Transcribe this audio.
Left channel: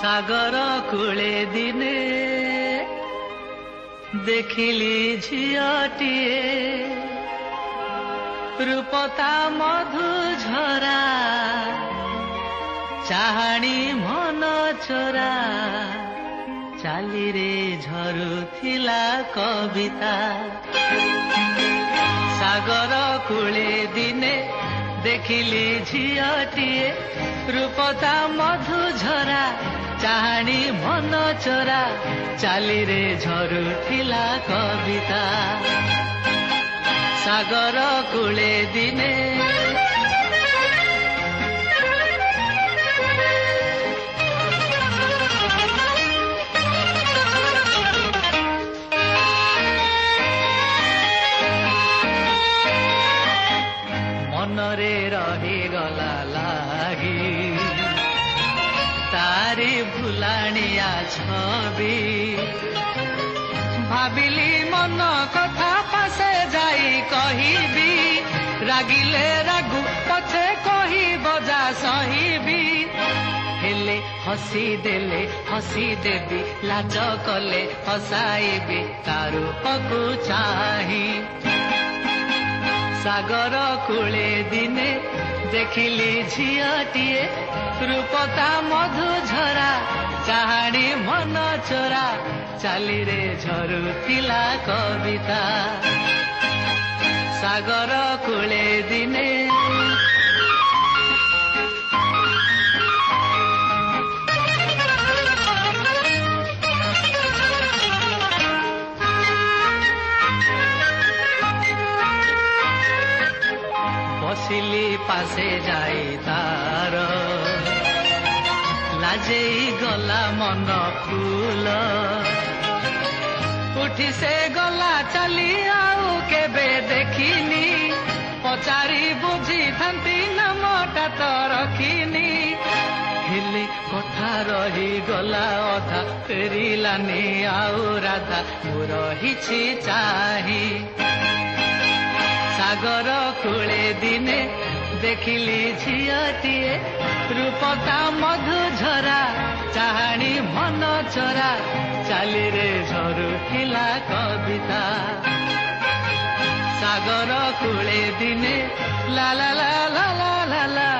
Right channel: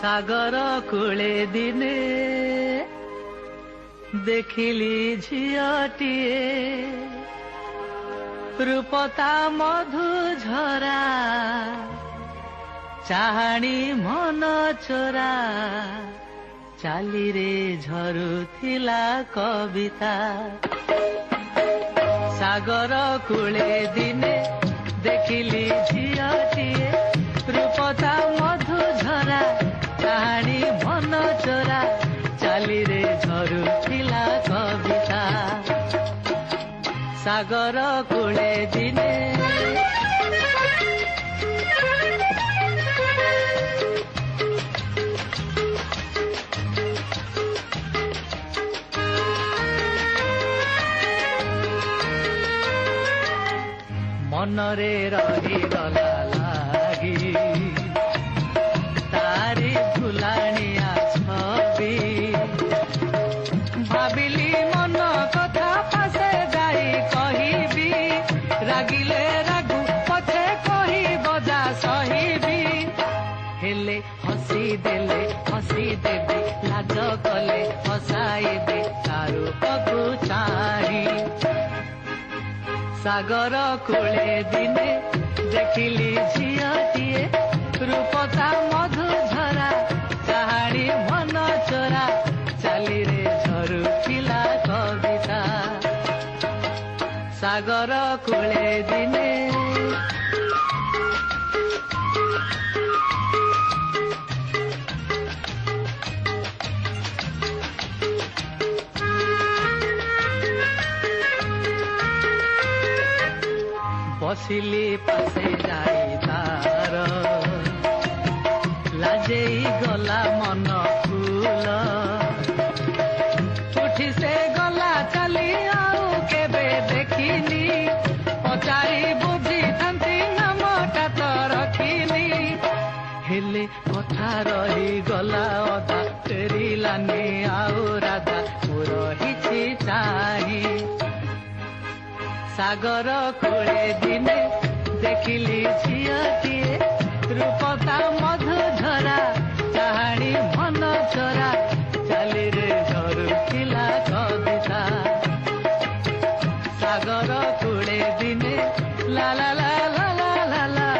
सागर कूले दिने देखिली झियटिए रूपता मधु झरा चाहाणी मन चोरा चाली रे झरुथिला कविता सागर कूले दिने देखिली झियटिए रूपता मधु झरा चाहाणी मन चोरा चाली रे झरुथिला कविता सागर कूले दिने मनरे रही गला लागी तारी भुलाणिया छवि भाविली मन कथा पासे जाई कहिबी रागिले रागु पछे कही बजा सहिबी हेले हसी देले हसी देवी लाज कले हसाइबी तारू पगु चाही सागर कूले दिने देखिली झियटिए रूपता मधु झरा चाहाणी मन चोरा चाली रे झरुथिला कविता सागर कूले दिने बसिली पासे जाई तार लाजेई गला मन फूल उठी से गला चली आउ केबे देखिनी पचारी बुझी थांती नामटा तो रखिनी हेले कथा रही गला अधा फेरिलानी आउ राधा मु रहिछि चाही सागर कूले दिने देखिली झियटिए रूपता मधु झरा चाहाणी मन चोरा चाली रे झरुथिला कविता सागर कूले दिने ला ला ला ला ला ला ला